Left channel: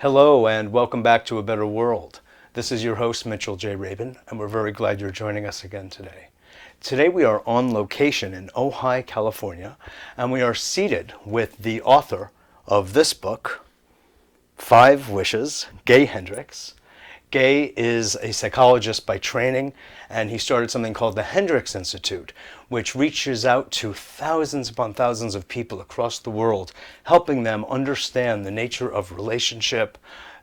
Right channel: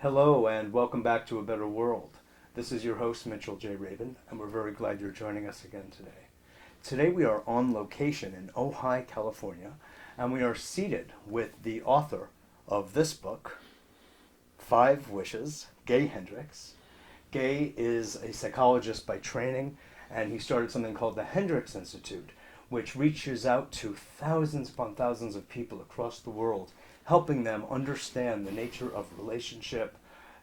Hello and welcome back to A Better World. This is your host Mitchell J. Rabin, and we're very glad you're joining us again today. Today we are on location in Ojai, California, and we are seated with the author of this book, 5 Wishes, Gay Hendricks. Gay is a psychologist by training, and he started something called the Hendricks Institute, which reaches out to thousands upon thousands of people across the world, helping them understand the nature of relationship,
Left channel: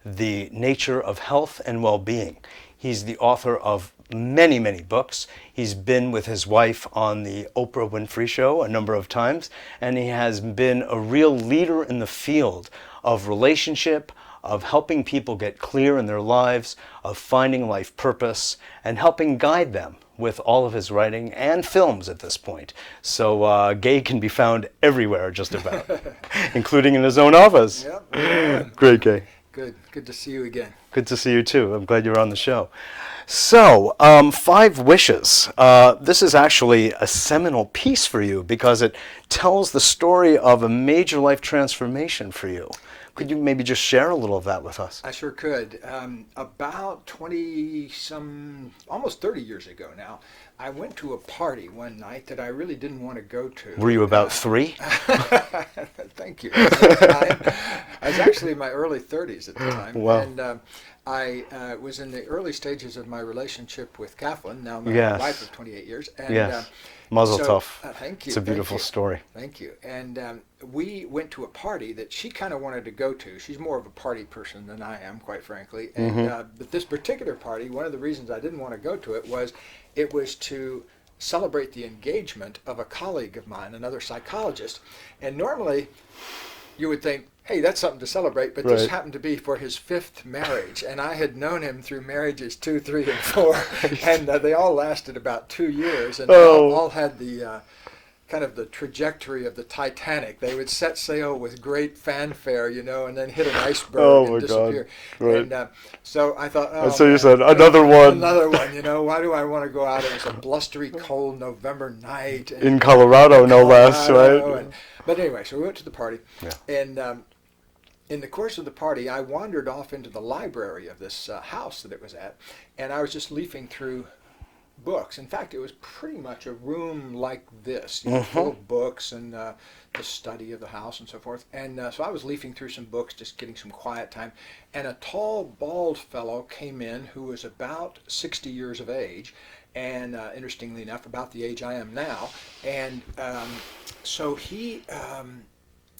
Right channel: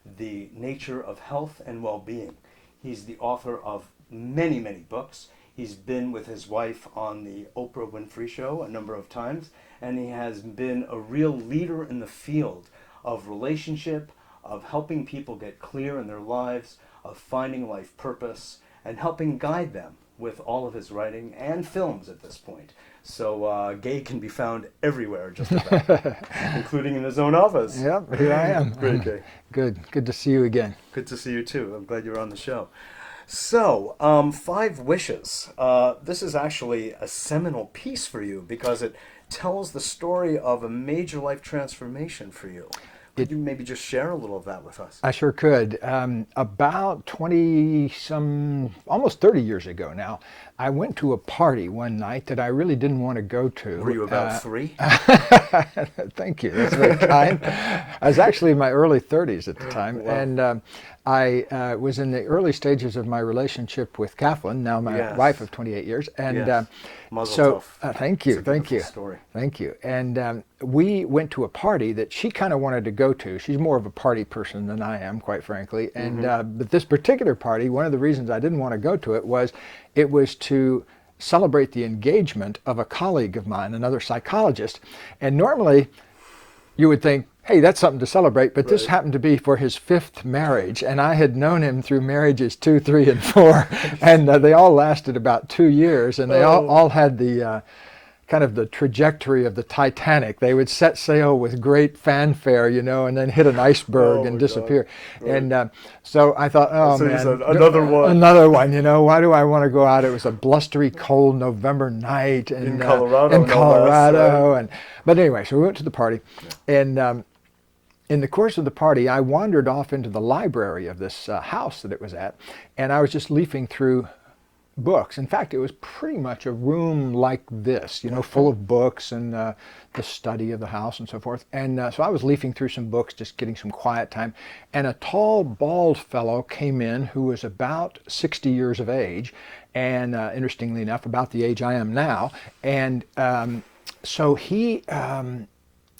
the nature of health and well-being. He's the author of many, many books. He's been with his wife on the Oprah Winfrey Show a number of times, and he has been a real leader in the field of relationship, of helping people get clear in their lives, of finding life purpose, and helping guide them with all of his writing and films at this point. So Gay can be found everywhere, just about, including in his own office. Yep, here I am. Great, Gay. Good to see you again. Good to see you too. I'm glad you're on the show. So, 5 Wishes. This is actually a seminal piece for you because it tells the story of a major life transformation for you. Could you maybe just share a little of that with us? I sure could. About almost 30 years ago now, I went to a party one night that I really didn't want to go to. Were you about 3? Thank you. At the time. I was actually in my early 30s at the time. Wow. And I was in the early stages of my relationship with Kathleen, now my Yes. wife of 28 years. And Yes. Mazel so, tov. thank you. It's a beautiful thank you. story. Thank you. And we went to a party that she kind of wanted to go to. She's more of a party person than I am, quite frankly. And but this particular party, one of the reasons I didn't want to go to it was to celebrate the engagement of a colleague of mine, another psychologist. And normally you would think, hey, that's something to celebrate, but this Right. happened to be for his 5th marriage, and I had known him through marriages 2, 3, and 4, and they all lasted about 2 years, and they all had the kind of the trajectory of the Titanic. They would set sail with great fanfare, and then hit an iceberg Oh, my and disappear. God. Right. And so I thought, oh, So you man, said, another one. Another one, why do I want to go out? It was a blustery, cold November night. And, In Colorado, in no less, Colorado, right? But anyway, so we went to the party, and in the course of the party, I wandered off into the library of this house that it was at, and I was just leafing through books. In fact, it was pretty much a room like this, full of books and the study of the house and so forth. And so I was leafing through some books, just getting some quiet time, and a tall, bald fellow came in who was about 60 years of age, and interestingly enough, about the age I am now. And so he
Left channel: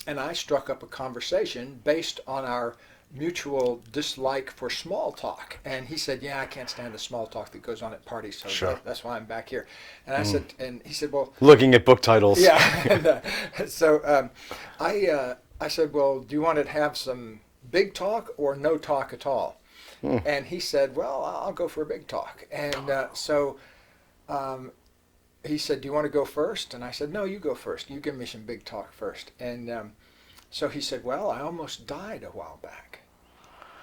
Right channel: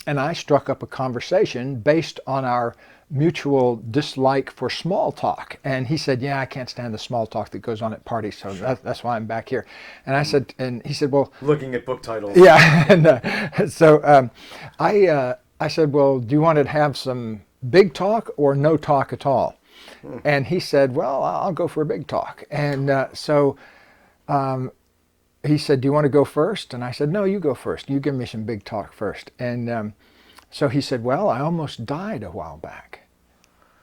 and I struck up a conversation based on our mutual dislike for small talk. And he said, yeah, I can't stand the small talk that goes on at parties, so that's why I'm back here. And I said, and he said, well... Looking at book titles. Yeah, and so I said, well, do you want to have some big talk or no talk at all? And he said, well, I'll go for a big talk. And so he said, do you want to go first? And I said, no, you go first. You give me some big talk first. And so he said, well, I almost died a while back.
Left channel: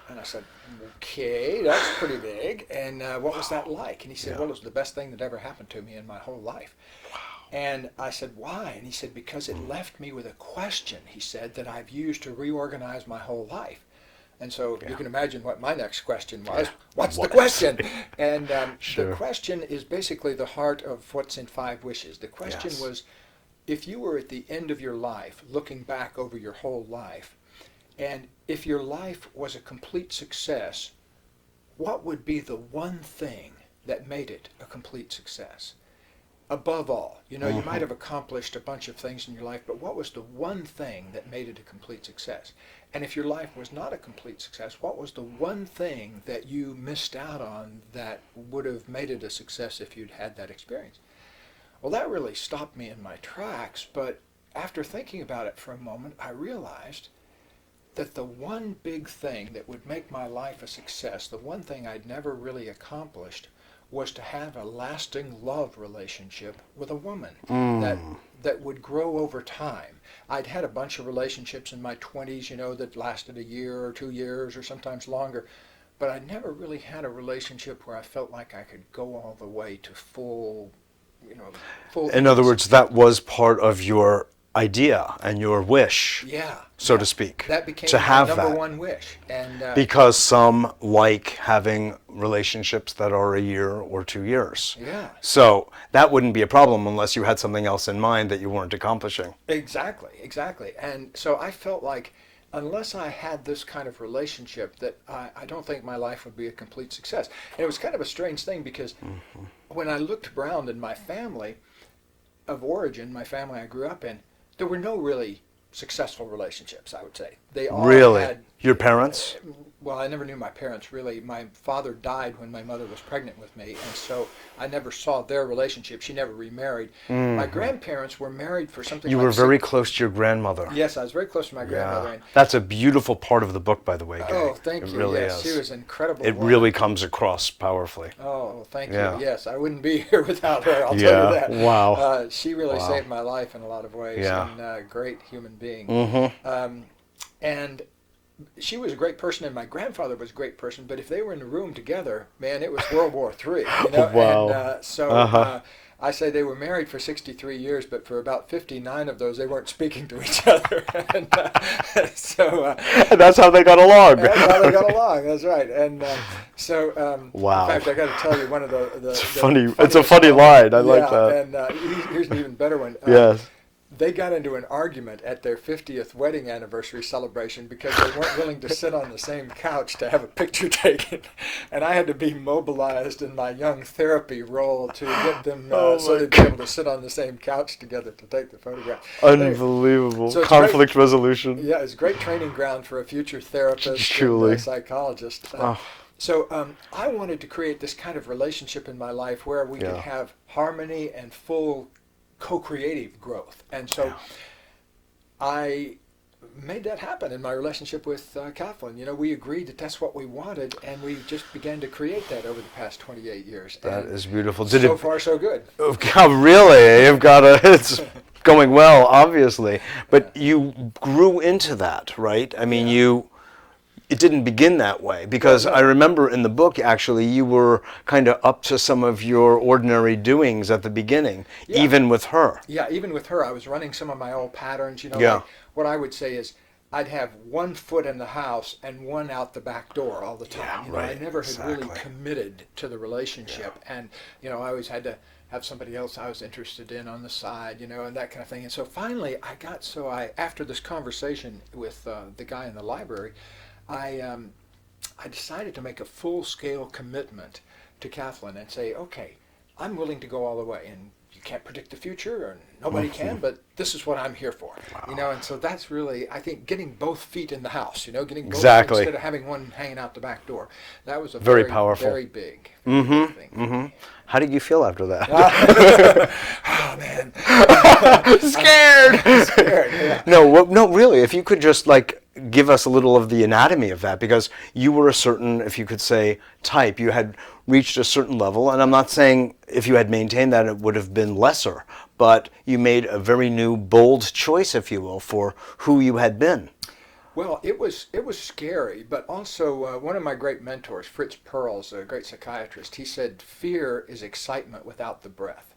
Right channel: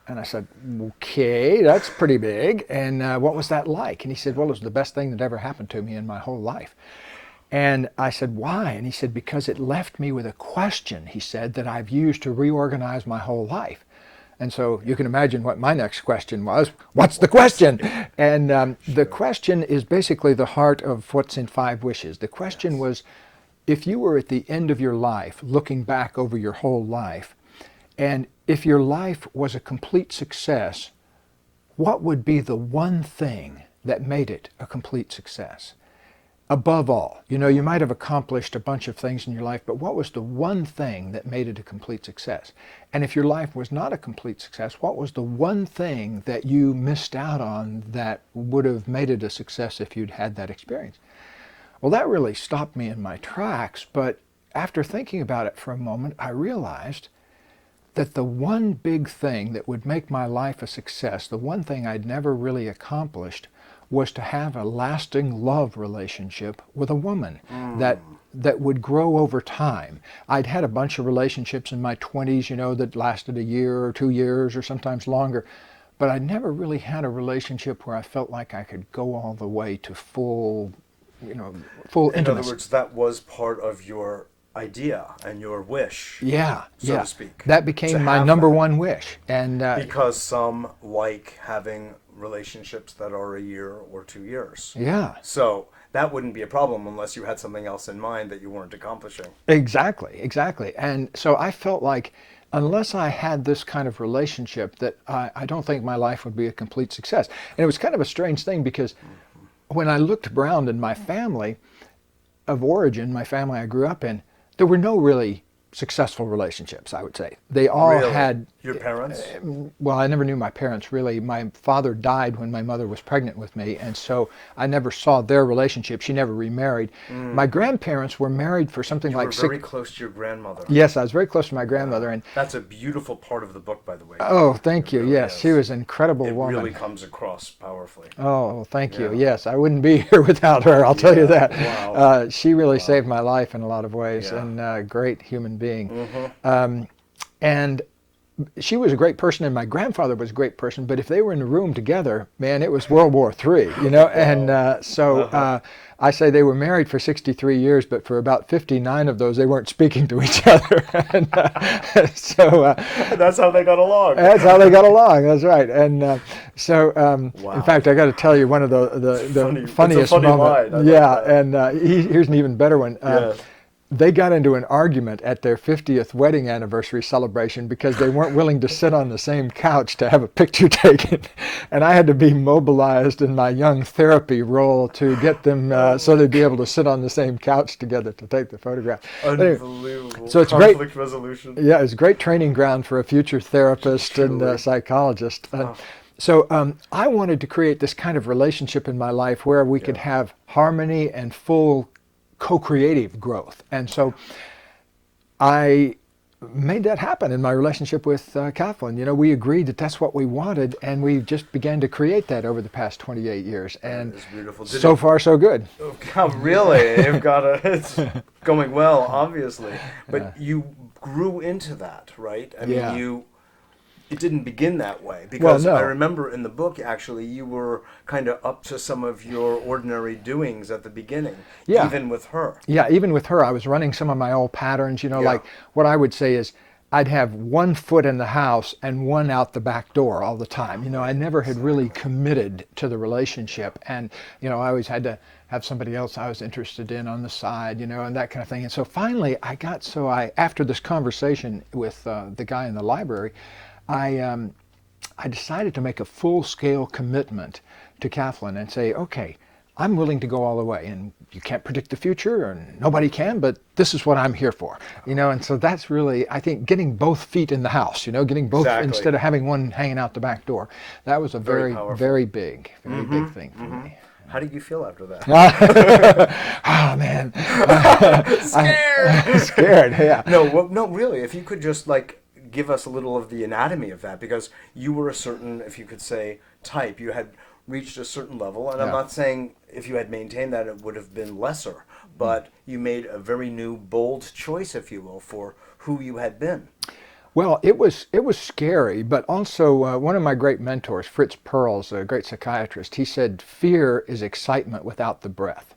And I said, okay, that's pretty big. And what was that like? And he said, well, it was the best thing that ever happened to me in my whole life. And I said, why? And he said, because it left me with a question, he said, that I've used to reorganize my whole life. And so you can imagine what my next question was. What's the question? And the question is basically the heart of what's in 5 Wishes. The question was, if you were at the end of your life, looking back over your whole life, and if your life was a complete success, what would be the one thing that made it a complete success? Above all, you might have accomplished a bunch of things in your life, but what was the one thing that made it a complete success? And if your life was not a complete success, what was the one thing that you missed out on that would have made it a success if you'd had that experience? Well, that really stopped me in my tracks, but after thinking about it for a moment, I realized that the one big thing that would make my life a success, the one thing I'd never really accomplished, was to have a lasting love relationship with a woman that would grow over time. I'd had a bunch of relationships in my 20s, that lasted a year or 2 years or sometimes longer, but I never really had a relationship where I felt like I could go all the way to full In other words, that was part of your idea and your wish, Yeah, so yeah. to speak. That became to my have number that. one wish. And Because some like having relationships that are a year or 2 years. yeah, So that wouldn't be a problem unless you had something else in mind that you weren't accomplishing. exactly, exactly. And so I felt like unless I had this kind of relationship, that I don't think my life would be a complete success. And it was kind of a strange thing because when I looked around in my family of origin, my family I grew up in, there were no really successful relationships, I would say. They all Really? had... Your parents? Well, I never knew my parents really. My father died when my mother was pregnant with me, and so I never saw their relationship. She never remarried. My grandparents were married for something You like were very close to your grandmother. Yes, I was very close to my grandmother. Yeah. And That's a beautiful part of the book, by the way. oh, Gary. thank It you. really Yes, is. she was an incredible It woman. really comes across powerfully. Oh, thank Yeah. you. Yes, I wouldn't be here without her, I'll tell you Yeah. that. Wow. She really saved my life in a lot of ways, Yeah. and a great human being. Mm-hmm. And she was a great person, and my grandfather was a great person, but if they were in the room together, man, it was World War III, you know? Wow. And I say they were married for 63 years, but for about 59 of those, they weren't speaking to each other. And that's how they got along. that's how they got along. That's right. And Wow. in fact, I got to tell you one of the funny. It's a funniest funny moments. line. I like that. And here's an even better one. Yes. They got into an argument at their 50th wedding anniversary celebration because they weren't willing to sit on the same couch to have a picture taken. And I had to be mobilized in my young therapy role to get them so they'd be able to sit on the same couch together to take the photograph. Unbelievable. So it's Conflict resolution. Yeah, it's a great training ground for a future therapist Truly. and psychologist. So I wanted to create this kind of relationship in my life where we could have harmony and full co-creative growth. And so I made that happen in my relationship with Kathleen. You know, we agreed that that's what we wanted, and we just began to create that over the past 28 years. That And is beautiful. so far, so good. Really? You've got it's going well, obviously. But you grew into that, right? I mean, Yeah. It didn't begin that way, because Well, no. I remember in the book, actually, you were kind of up to some of your ordinary doings at the beginning, Yeah. even with her. Yeah, even with her, I was running some of my old patterns. You know, Yeah. like what I would say is I'd have one foot in the house and one out the back door all the time. You know, I right, never had really exactly. committed to the relationship. And, you know, I always had to have somebody else I was interested in on the side, you know, and that kind of thing. And so finally after this conversation with the guy in the library, I decided to make a full-scale commitment to Kathleen and say, okay, I'm willing to go all the way. And you can't predict the future, or nobody can, but this is what I'm here for. You know, and so that's really, I think, getting both feet in the house, you know, getting both Exactly. instead of having one hanging out the back door. That was a Very very, powerful. very big thing for me. How did you feel after that? Oh, man. Scared! Scared, yeah. No, really, if you could just give us a little of the anatomy of that, because you were a certain, if you could say, type. You had reached a certain level, and I'm not saying if you had maintained that it would have been lesser, but you made a very new, bold choice, if you will, for who you had been. Well, it was scary, but also one of my great mentors, Fritz Perls, a great psychiatrist, he said, fear is excitement without the breath.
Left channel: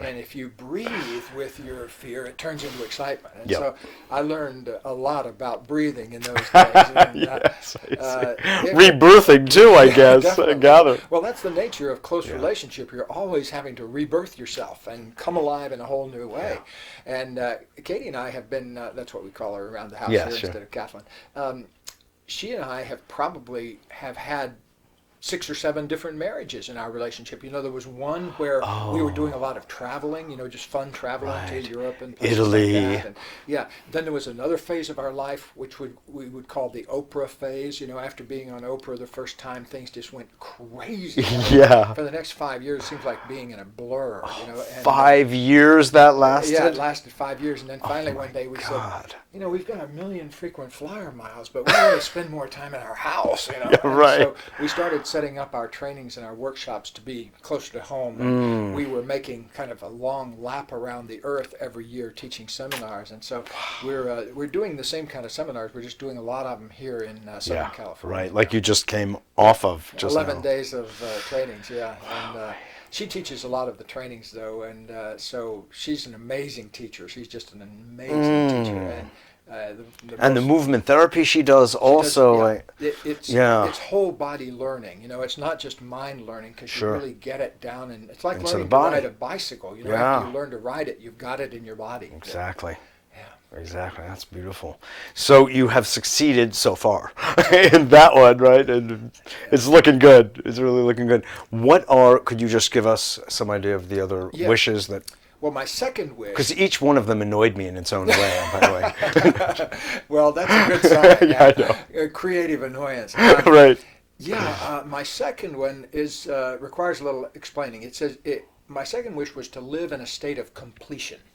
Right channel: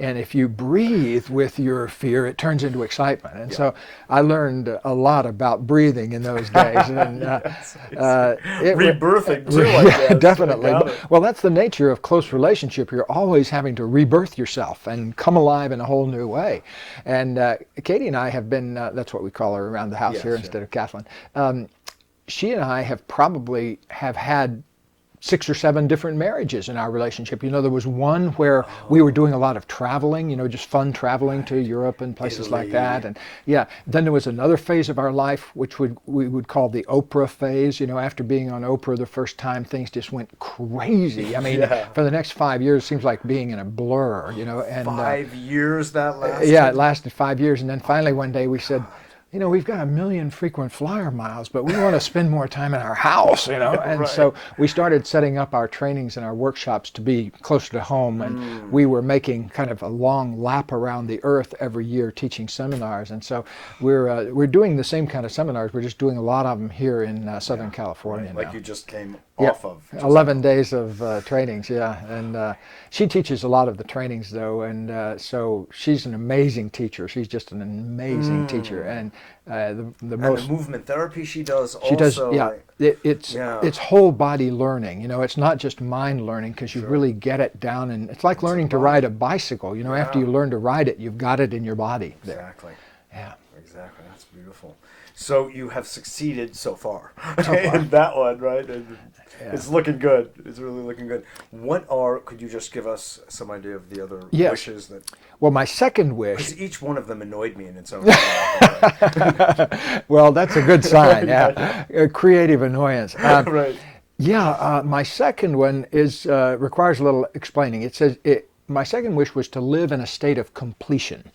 And if you breathe with your fear, it turns into excitement. And so I learned a lot about breathing in those days. And, Yes, rebirthing too, I guess. Definitely. Well, that's the nature of close relationship. You're always having to rebirth yourself and come alive in a whole new way. And Katie and I have been, that's what we call her around the house here instead of Kathleen. She and I have probably had 6 or 7 different marriages in our relationship. You know, there was one where we were doing a lot of traveling, you know, just fun traveling to Europe and places Italy. like that. And then there was another phase of our life, which we would call the Oprah phase. You know, after being on Oprah the first time, things just went crazy. I mean, for the next 5 years, it seems like being in a blur, you know. And, 5 years that lasted? Yeah, it lasted 5 years. And then finally one day we said, you know, we've got 1 million frequent flyer miles, but we want to spend more time in our house, you know. And so we started setting up our trainings and our workshops to be closer to home. And we were making kind of a long lap around the earth every year teaching seminars. And so we're doing the same kind of seminars. We're just doing a lot of them here in Southern California. Right, like you just came off of. 11 days of trainings, and She teaches a lot of the trainings, though, and so she's an amazing teacher. She's just an amazing teacher, and the movement therapy she does also. It's whole body learning. You know, it's not just mind learning, because you really get it down, and it's like learning to ride a bicycle. You know, after you learn to ride it, you've got it in your body. Exactly. Yeah. Exactly. That's beautiful. So you have succeeded so far in that one, right? And it's looking good. It's really looking good. Could you just give us some idea of the other wishes that? Well, my second wish. Because each one of them annoyed me in its own way, by the way. Well, that's a good sign. Yeah. Creative annoyance. Right. Yeah. My second one requires a little explaining. It says my second wish was to live in a state of completion.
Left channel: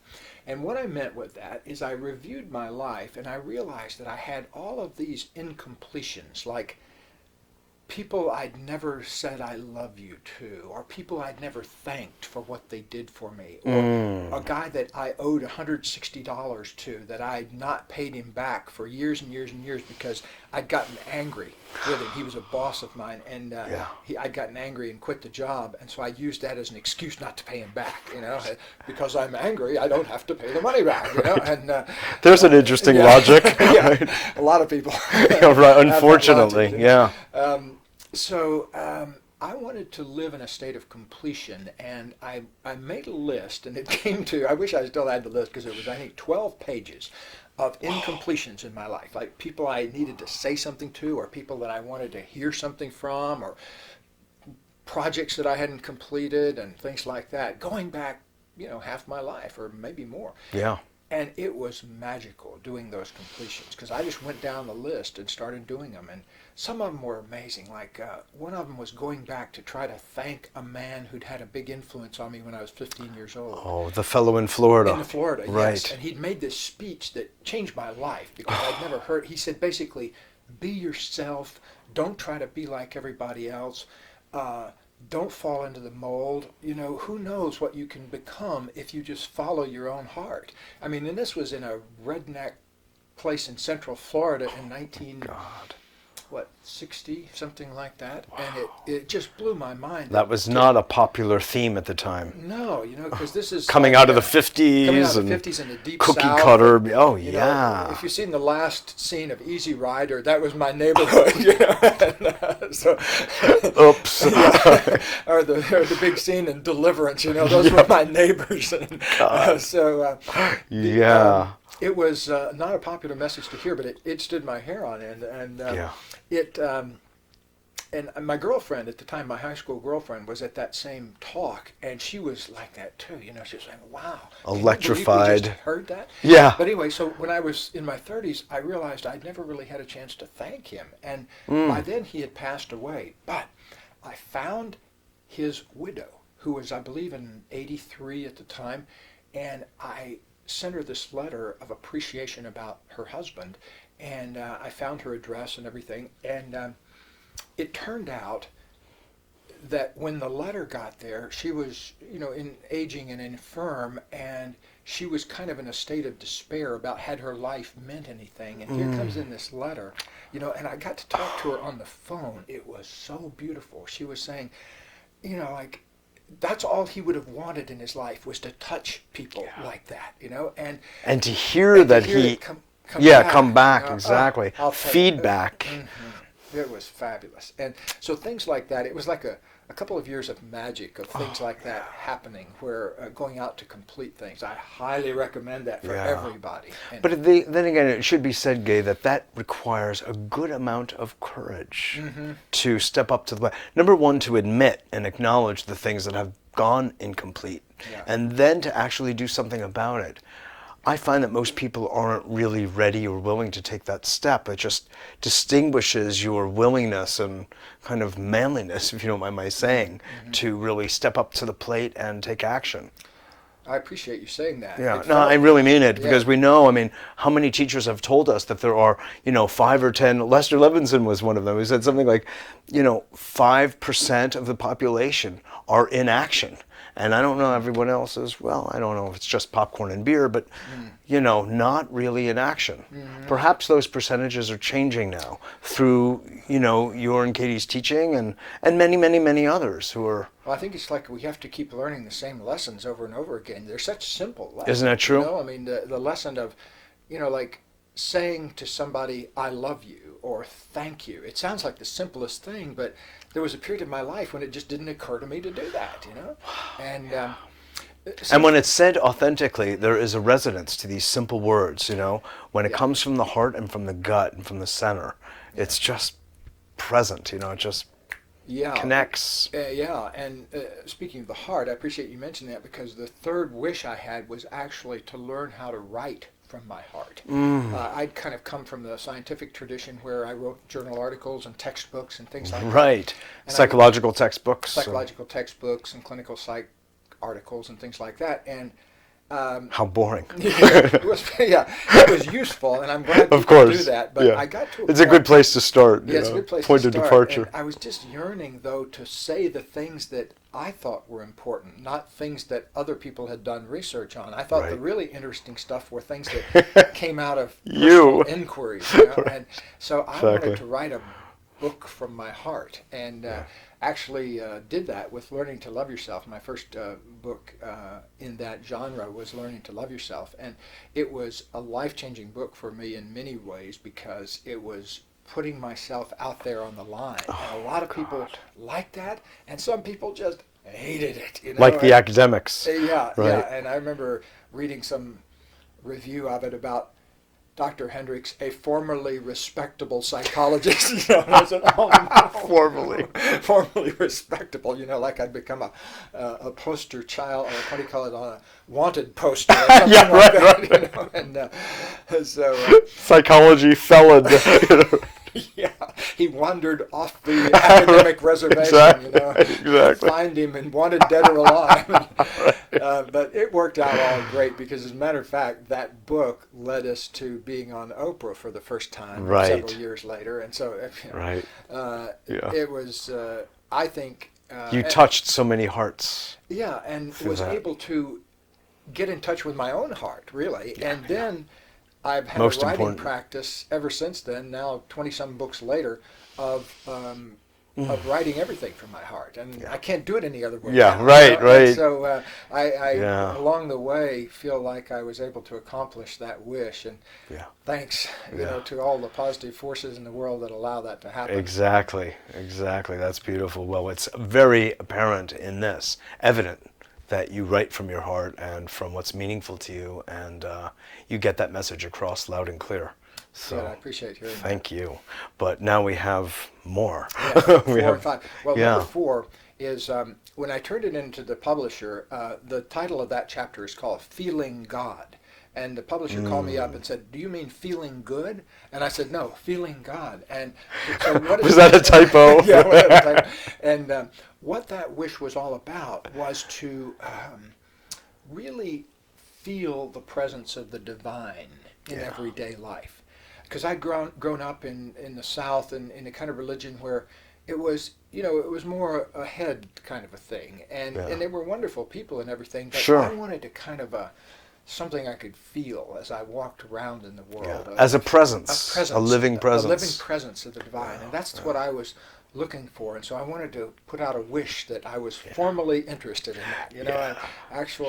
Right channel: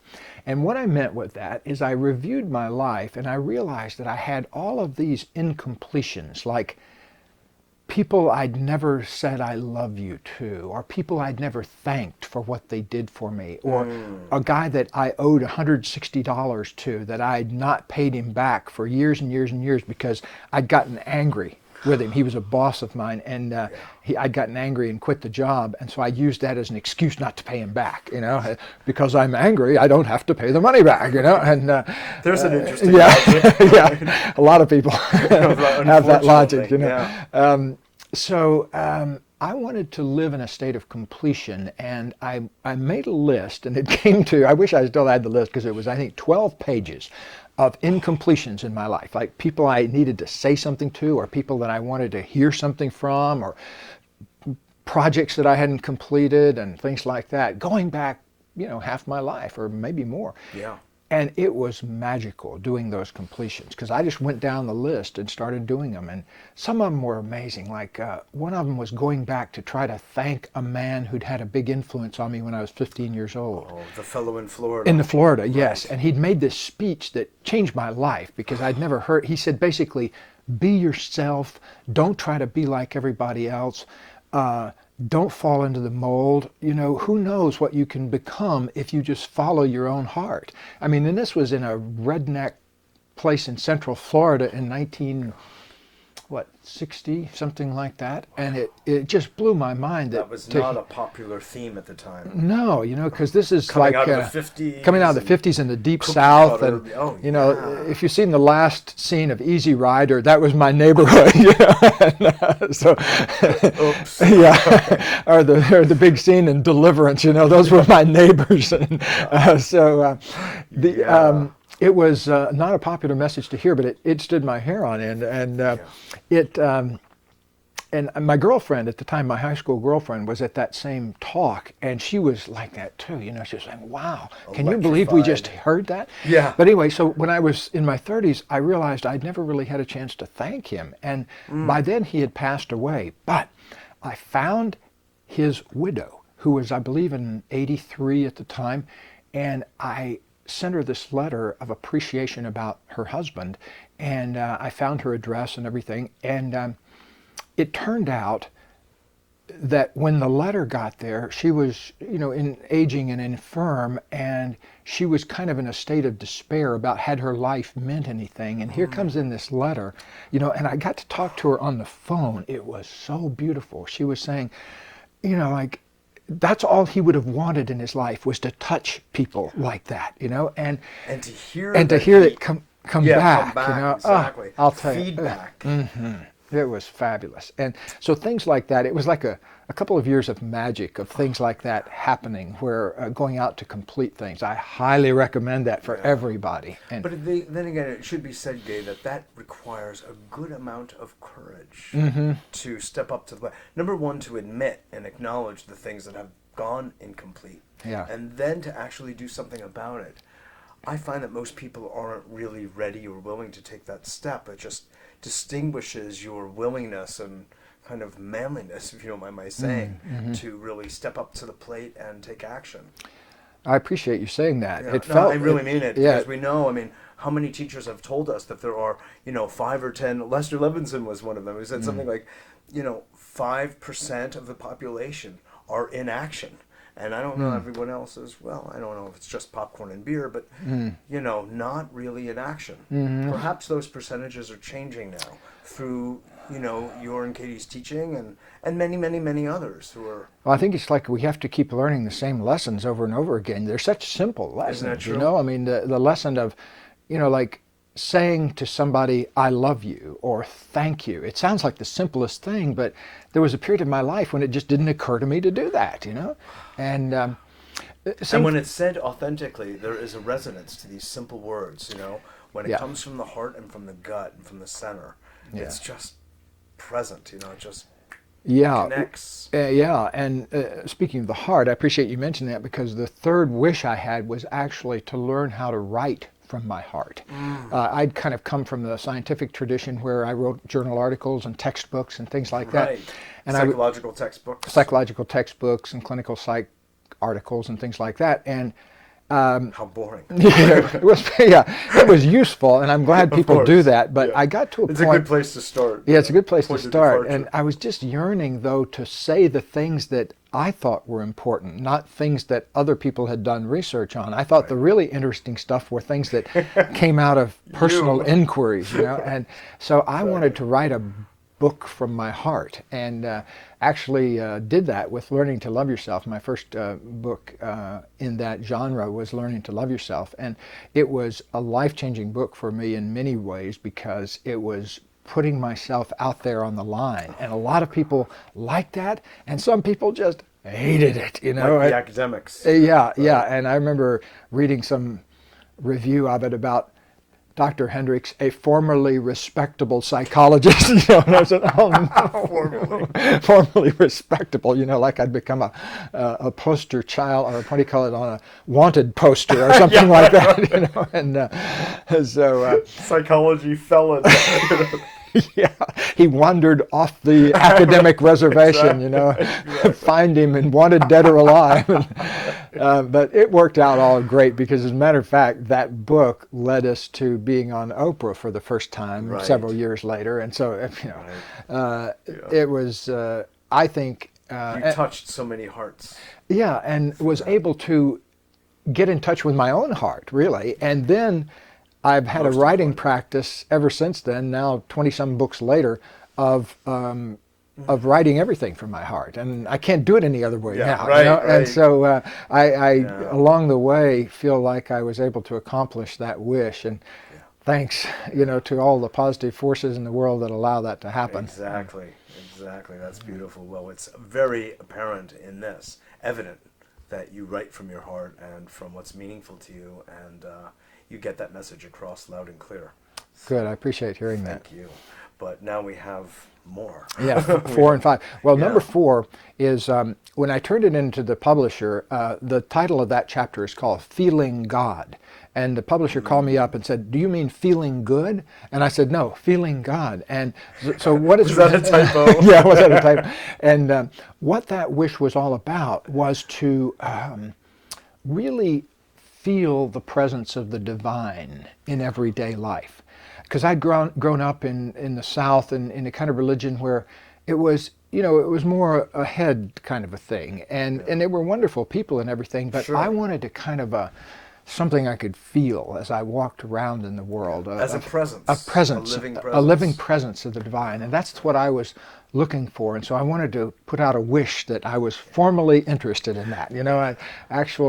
And what I meant with that is I reviewed my life and I realized that I had all of these incompletions, like people I'd never said I love you to, or people I'd never thanked for what they did for me, or a guy that I owed $160 to that I'd not paid him back for years and years and years because I'd gotten angry with him. He was a boss of mine, and I'd gotten angry and quit the job, and so I used that as an excuse not to pay him back. You know, because I'm angry, I don't have to pay the money back. You know, and there's an interesting logic. Yeah, a lot of people. Unfortunately, So I wanted to live in a state of completion, and I made a list, and it came to, I wish I still had the list, because it was, I think, 12 pages of incompletions in my life, like people I needed to say something to, or people that I wanted to hear something from, or projects that I hadn't completed, and things like that, going back, half my life, or maybe more. Yeah. And it was magical doing those completions, because I just went down the list and started doing them. And some of them were amazing. Like one of them was going back to try to thank a man who'd had a big influence on me when I was 15 years old. Oh, the fellow in Florida. In Florida, yes. Right. And he'd made this speech that changed my life, because I'd never heard. He said basically, be yourself. Don't try to be like everybody else. Don't fall into the mold. Who knows what you can become if you just follow your own heart. I mean, and this was in a redneck place in Central Florida in 1960, something like that. Wow. And it just blew my mind. That was not a popular theme at the time. No, because this is coming out of the 50s. Coming out of the 50s in the Deep Cookie South. Cutter. And, if you've seen the last scene of Easy Rider, that was my neighborhood. So, oops. Or the big scene in Deliverance. Those were my neighbors. And, it was not a popular message to hear, but it stood my hair on end, and and my girlfriend at the time, my high school girlfriend, was at that same talk, and she was like that too. She was saying, "Wow, can you believe we just heard that?" Yeah. But anyway, so when I was in my 30s, I realized I'd never really had a chance to thank him, and by then he had passed away. But I found his widow, who was, I believe, in 83 at the time, and I sent her this letter of appreciation about her husband, and I found her address and everything, and it turned out that when the letter got there, she was, in aging and infirm, and she was kind of in a state of despair about had her life meant anything. And here comes in this letter, and I got to talk to her on the phone. It was so beautiful. She was saying, that's all he would have wanted in his life, was to touch people like that, and to hear that it come back, exactly. Feedback. It was fabulous. And so things like that, it was like a couple of years of magic, of things like that happening, where going out to complete things. I highly recommend that for everybody. But then again, it should be said, Gay, that requires a good amount of courage to step up to the plate. Number one, to admit and acknowledge the things that have gone incomplete, and then to actually do something about it. I find that most people aren't really ready or willing to take that step. It just distinguishes your willingness and kind of manliness, if you don't mind my saying, to really step up to the plate and take action. I appreciate you saying that. Yeah, I really mean it, because we know, how many teachers have told us that there are, 5 or 10, Lester Levinson was one of them, who said something like, 5% of the population are in action. And I don't know everyone else as well. I don't know if it's just popcorn and beer, but, not really in action. Perhaps those percentages are changing now through, your and Katie's teaching and many, many, many others who are... Well, I think it's like we have to keep learning the same lessons over and over again. They're such simple lessons. Isn't that true? I mean, the lesson of, like saying to somebody, I love you, or thank you. It sounds like the simplest thing, but there was a period of my life when it just didn't occur to me to do that, And and when it's said authentically, there is a resonance to these simple words, when it comes from the heart and from the gut and from the center. It's just present, it just connects. And speaking of the heart, I appreciate you mentioning that, because the third wish I had was actually to learn how to write from my heart. I'd kind of come from the scientific tradition where I wrote journal articles and textbooks and things like that. Right. And psychological textbooks. Psychological textbooks and clinical psych articles and things like that. And how boring. it was useful, and I'm glad people do that. But I got to a point. It's a good place to start. Yeah, it's a good place to start. Departure. And I was just yearning, though, to say the things that I thought were important, not things that other people had done research on. I thought the really interesting stuff were things that came out of personal inquiries. And so I wanted to write a book from my heart, and actually did that with Learning to Love Yourself. My first book in that genre was Learning to Love Yourself, and it was a life-changing book for me in many ways, because it was putting myself out there on the line. And a lot of people liked that, and some people just hated it. Like the academics. Yeah. And I remember reading some review of it about Dr. Hendricks, a formerly respectable psychologist. And I said, oh, no. Formerly respectable, like I'd become a poster child, or what do you call it, on a wanted poster or something like that. And so psychology felon. He wandered off the academic reservation, Exactly. Find him and wanted dead or alive. But it worked out all great, because as a matter of fact, that book led us to being on Oprah for the first time several years later. And so, it was, I think... you touched so many hearts. Yeah, and was able to get in touch with my own heart, really. And then... I've had a writing practice ever since then, now 20-some books later, of writing everything from my heart. And I can't do it any other way now. Right. And so I along the way, feel like I was able to accomplish that wish. And thanks, to all the positive forces in the world that allow that to happen. Exactly. That's beautiful. Well, it's very apparent in this, evident, that you write from your heart and from what's meaningful to you, and you get that message across loud and clear. So, good, I appreciate hearing that. Thank you. But now we have more. Yeah, 4 and 5. Well, number 4 is, when I turned it into the publisher, the title of that chapter is called Feeling God. And the publisher called me up and said, do you mean feeling good? And I said, no, feeling God. And so what is was that a typo? Yeah, was that a typo? And what that wish was all about was to really feel the presence of the divine in everyday life. Because I'd grown up in the South and in a kind of religion where it was, it was more a head kind of a thing. And they were wonderful people and everything, but I wanted to kind of something I could feel as I walked around in the world. As a presence. A living presence. A living presence of the divine. And that's what I was looking for. And so I wanted to put out a wish that I was formally interested in that.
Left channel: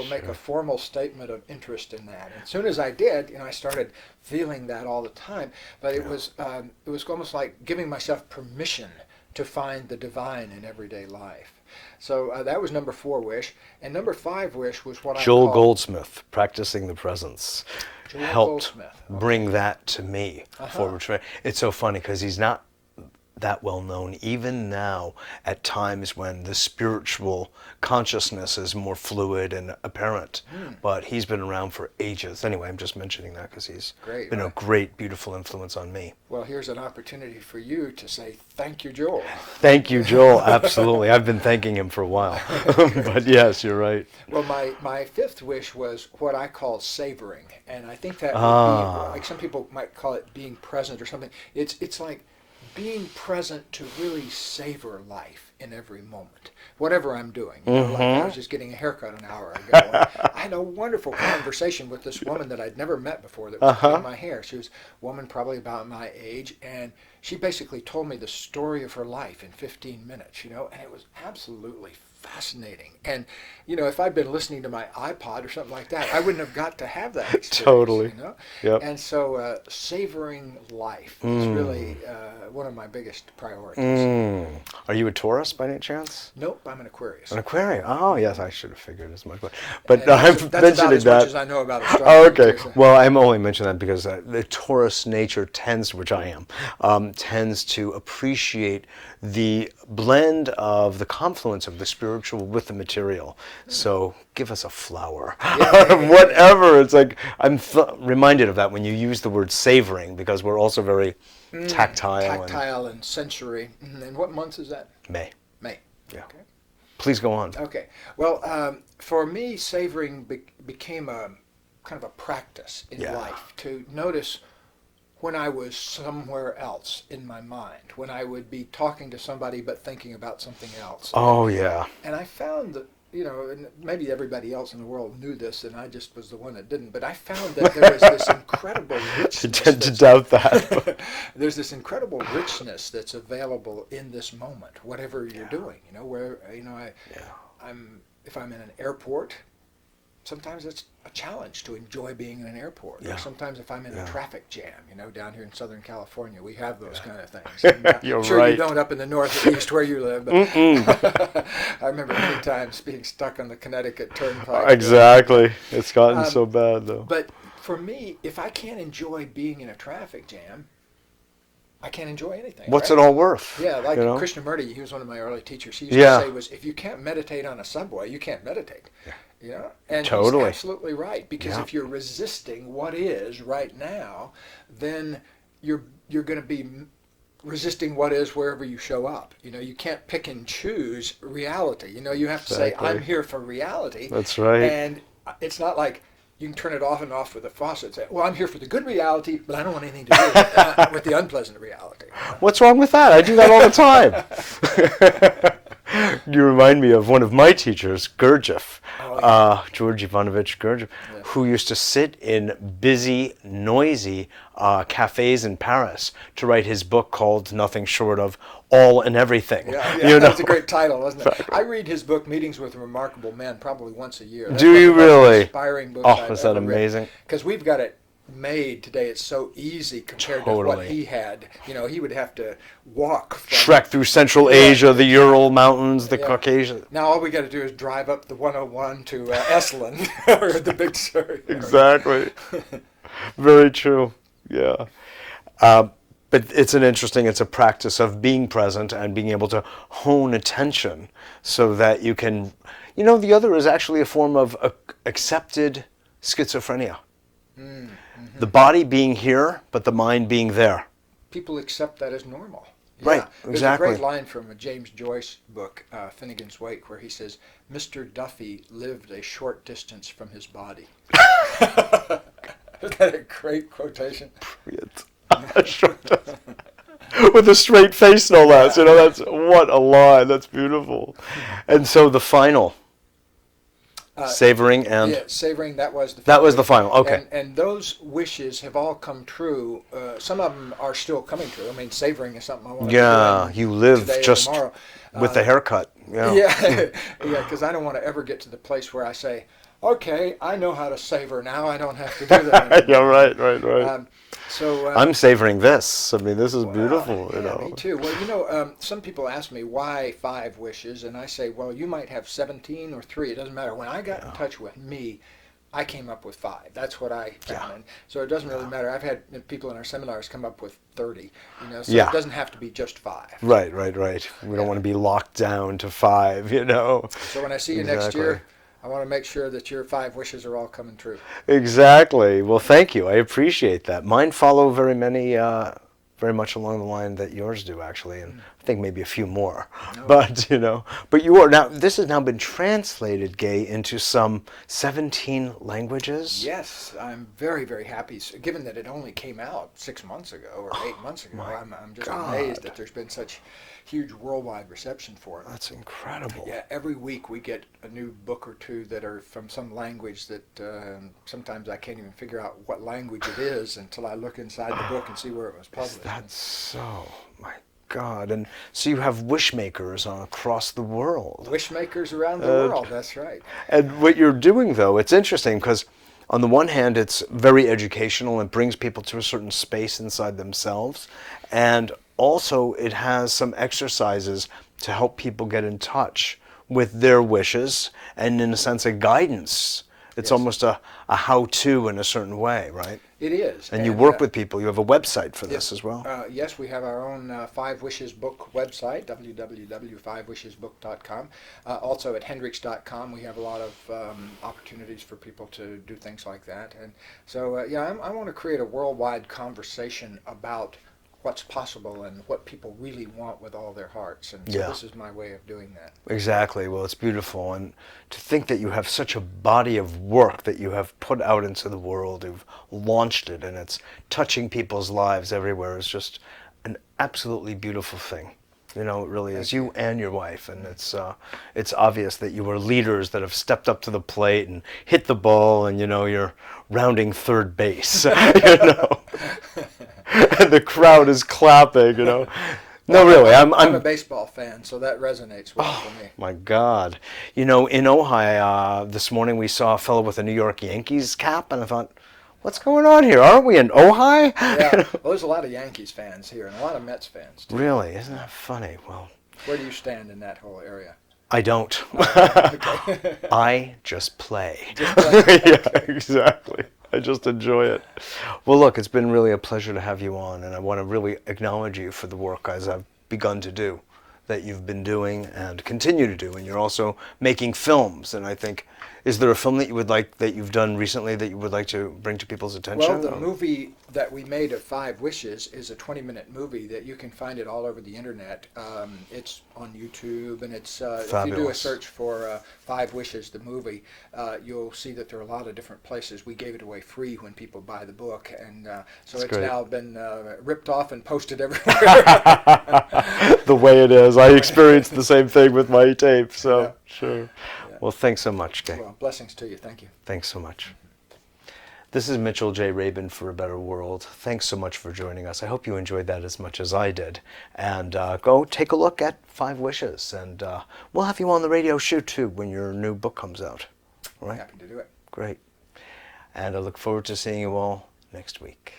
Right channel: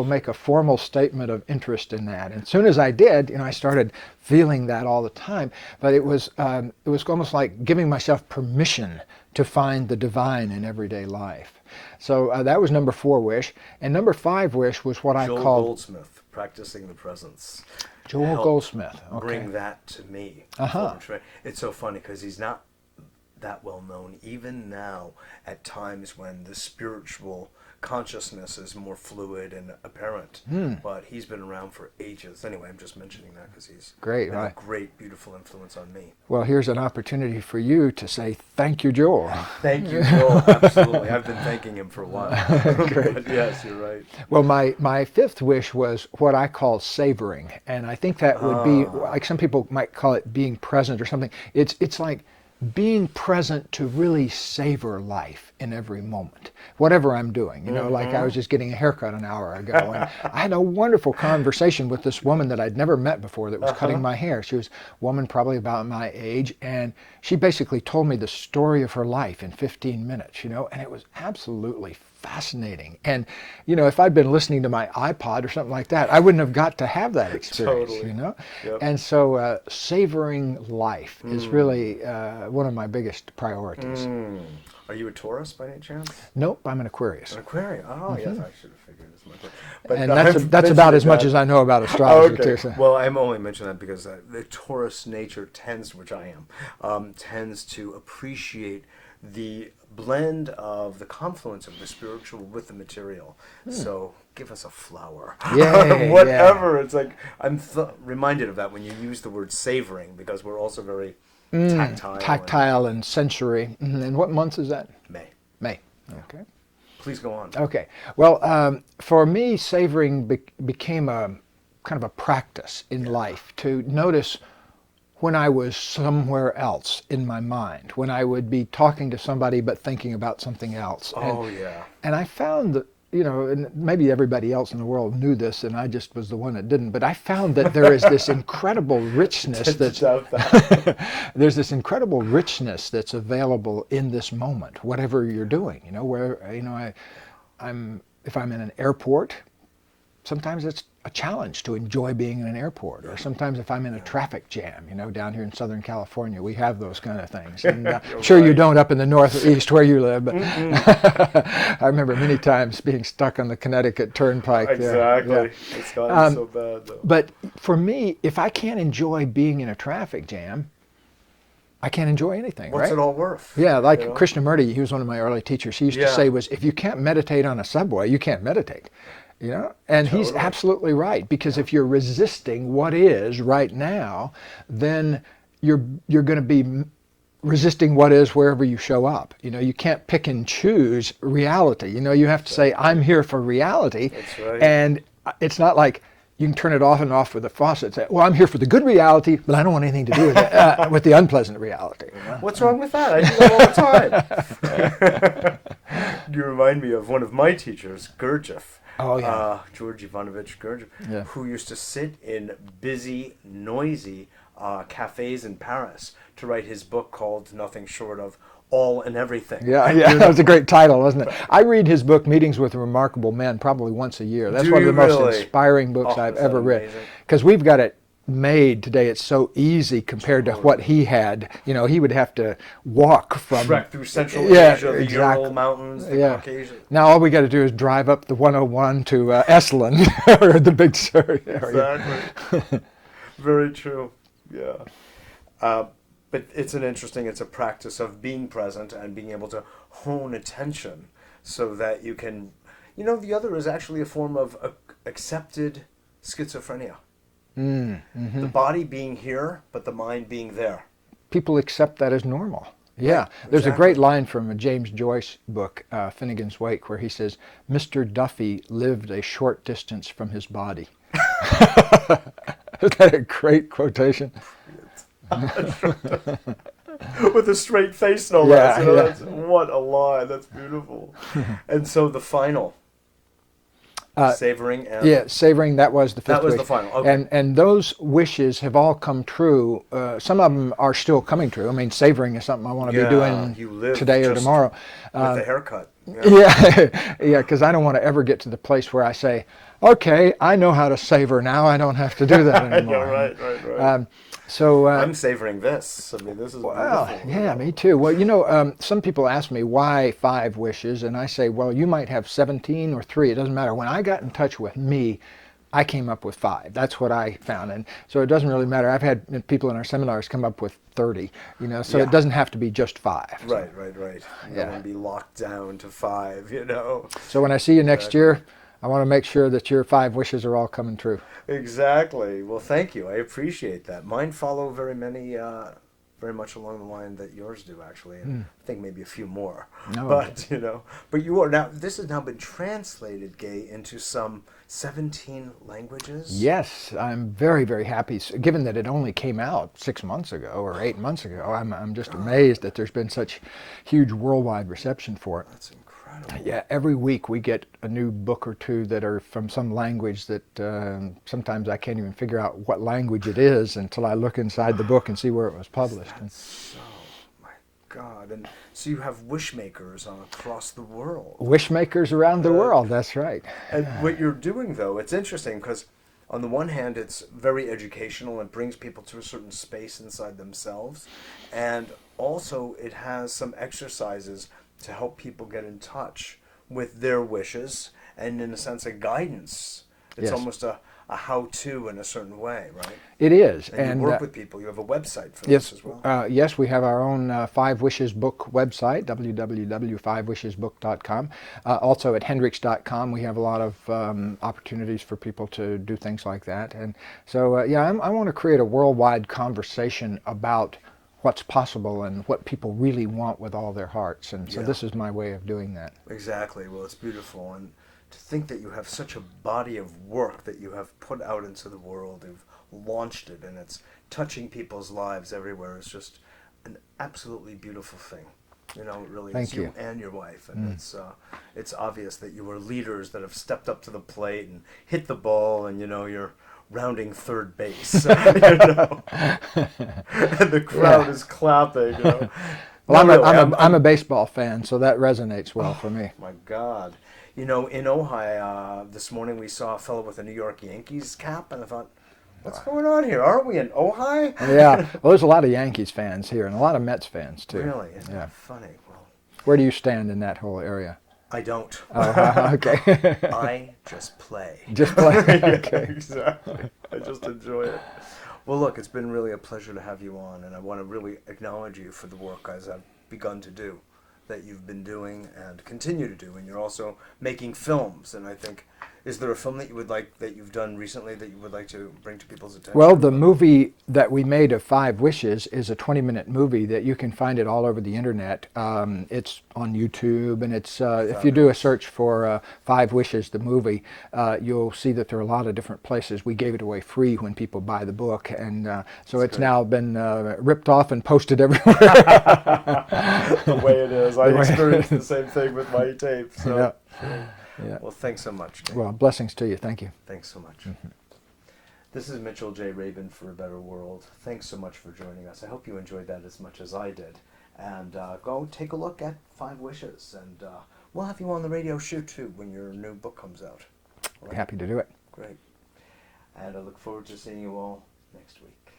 Make a formal statement of interest in that. And as soon as I did, I started feeling that all the time. But it was almost like giving myself permission to find the divine in everyday life. So that was number 4 wish. And number 5 wish was what I called... Joel Goldsmith, Practicing the Presence. Joel Goldsmith. Okay. Bring that to me. It's so funny because he's not that well known even now at times when the spiritual consciousness is more fluid and apparent. But he's been around for ages. Anyway, I'm just mentioning that because he's been a great, beautiful influence on me. Well, here's an opportunity for you to say thank you, Joel. Thank you, Joel. Absolutely. I've been thanking him for a while. But yes, you're right. Well, my 5th wish was what I call savoring. And I think that would be, like some people might call it being present or something. It's like being present to really savor life in every moment, whatever I'm doing. You know, like I was just getting a haircut an hour ago. And I had a wonderful conversation with this woman that I'd never met before that was cutting my hair. She was a woman probably about my age, and she basically told me the story of her life in 15 minutes, you know, and it was absolutely fascinating. And, you know, if I'd been listening to my iPod or something like that, I wouldn't have got to have that experience. Totally. You know? Yep. And so savoring life is really one of my biggest priorities. Are you a Taurus by any chance? Nope, I'm an Aquarius. An Aquarius. Oh, yes, I should have figured as much. But And that's about as much as I know about astrology. Oh, okay. Too, so. Well, I'm only mentioning that because the Taurus nature tends, which I am, tends to appreciate the blend of the confluence of the spiritual with the material. So give us a flower. Whatever. Yeah. It's like I'm reminded of that when you use the word savoring, because we're also very tactile. Tactile and sensory. And what month is that? May. May. Yeah. Okay. Please go on. Okay. Well, for me, savoring became a kind of a practice in life to notice when I was somewhere else in my mind, when I would be talking to somebody but thinking about something else. Oh, And I found that, you know, and maybe everybody else in the world knew this and I just was the one that didn't, but I found that there is this incredible richness. I tend to doubt that. There's this incredible richness that's available in this moment, whatever you're doing, you know, where, you know, if I'm in an airport, sometimes it's a challenge to enjoy being in an airport. Or sometimes if I'm in a traffic jam, you know, down here in Southern California, we have those kind of things. And, sure, you don't up in the Northeast where you live, but I remember many times being stuck on the Connecticut Turnpike. Exactly. It's gotten so bad, though. But for me, if I can't enjoy being in a traffic jam, I can't enjoy anything. What's it all worth? Yeah, like you know? Krishnamurti, he was one of my early teachers. He used to say was, if you can't meditate on a subway, you can't meditate. You know, and he's absolutely right, because if you're resisting what is right now, then you're going to be resisting what is wherever you show up. You know, you can't pick and choose reality. You know, you have to say, I'm here for reality. That's right. And it's not like you can turn it off and off with a faucet and say, well, I'm here for the good reality, but I don't want anything to do with the unpleasant reality. You know? What's wrong with that? I do that all the time. You remind me of one of my teachers, Gurdjieff, George Ivanovich Gurdjieff, who used to sit in busy, noisy cafes in Paris to write his book called Nothing Short of All and Everything. Yeah, that's a great title, isn't it? I read his book, Meetings with Remarkable Men, probably once a year. That's one of the most inspiring books I've ever read. Because we've got it made today. It's so easy compared to what he had. You know, he would have to walk from trek through Central Asia, the Ural Mountains, the Caucasian. Now all we got to do is drive up the 101 to Esalen or the Big Sur. Exactly. Very true. Yeah. But it's a practice of being present and being able to hone attention so that you can, you know, the other is actually a form of accepted schizophrenia. The body being here, but the mind being there. People accept that as normal. Yeah, right, there's a great line from a James Joyce book, Finnegan's Wake, where he says, Mr. Duffy lived a short distance from his body. Isn't that a great quotation? With a straight face, no less. You know, that's what a line. That's beautiful. And so the final. Savoring and savoring. That was the final. Okay, and those wishes have all come true. Some of them are still coming true. I mean, savoring is something I want to be doing you live today just or tomorrow. With the haircut. Because I don't want to ever get to the place where I say, okay, I know how to savor now. I don't have to do that anymore. Right. So I'm savoring this. I mean, this is beautiful. Yeah, me too. Well, you know, some people ask me why 5 wishes, and I say, well, you might have 17 or 3. It doesn't matter. When I got in touch with me, I came up with 5. That's what I found, and so it doesn't really matter. I've had people in our seminars come up with 30. You know, so it doesn't have to be just 5. Right. We don't want to be locked down to 5. You know. So when I see you next year, I want to make sure that your 5 wishes are all coming true. Exactly. Well, thank you. I appreciate that. Mine follow very much along the line that yours do, actually. And I think think maybe a few more. No. But, but you are now, this has now been translated, Gay, into some 17 languages? Yes, I'm very, very happy. Given that it only came out 6 months ago or 8 months ago, I'm just amazed that there's been such huge worldwide reception for it. That's incredible. Yeah, every week we get a new book or two that are from some language that sometimes I can't even figure out what language it is until I look inside the book and see where it was published. That's so, my God. And so you have wish makers across the world. Wish makers around the world, that's right. And what you're doing, though, it's interesting because on the one hand, it's very educational and brings people to a certain space inside themselves. And also it has some exercises to help people get in touch with their wishes and, in a sense, a guidance. It's Yes. almost a how-to in a certain way, right? It is. And you work with people. You have a website for this as well. Yes, we have our own Five Wishes book website, www.fivewishesbook.com. Also at Hendricks.com, we have a lot of opportunities for people to do things like that. And so, I want to create a worldwide conversation about what's possible and what people really want with all their hearts. And so this is my way of doing that. Exactly. Well, it's beautiful. And to think that you have such a body of work that you have put out into the world, you've launched it, and it's touching people's lives everywhere is just an absolutely beautiful thing. It really is. Thank You and your wife, and it's obvious that you are leaders that have stepped up to the plate and hit the ball, and you're rounding third base. And the crowd is clapping. No, I'm a baseball fan, so that resonates well for me. My God. In Ojai, this morning we saw a fellow with a New York Yankees cap, and I thought, what's going on here? Aren't we in Ojai? Yeah, well, there's a lot of Yankees fans here and a lot of Mets fans, too. Really? Isn't that funny? Well, where do you stand in that whole area? I don't. Okay. I just play. Just play. Yeah, exactly. I just enjoy it. Well, look, it's been really a pleasure to have you on, and I want to really acknowledge you for the work as I've begun to do, that you've been doing and continue to do, and you're also making films, and I think, is there a film that you've done recently that you would like to bring to people's attention? Well, the movie that we made of Five Wishes is a 20-minute movie that you can find it all over the internet. It's on YouTube, and it's if you do a search for Five Wishes, the movie, you'll see that there are a lot of different places. We gave it away free when people buy the book, and so it's now been ripped off and posted everywhere. The way it is. I experienced the same thing with my tape, so sure. Yeah. Well, thanks so much, Gay. Well, blessings to you. Thank you. Thanks so much. This is Mitchell J. Rabin for A Better World. Thanks so much for joining us. I hope you enjoyed that as much as I did. And go take a look at Five Wishes. And we'll have you on the radio show, too, when your new book comes out. All right? Happy to do it. Great. And I look forward to seeing you all next week.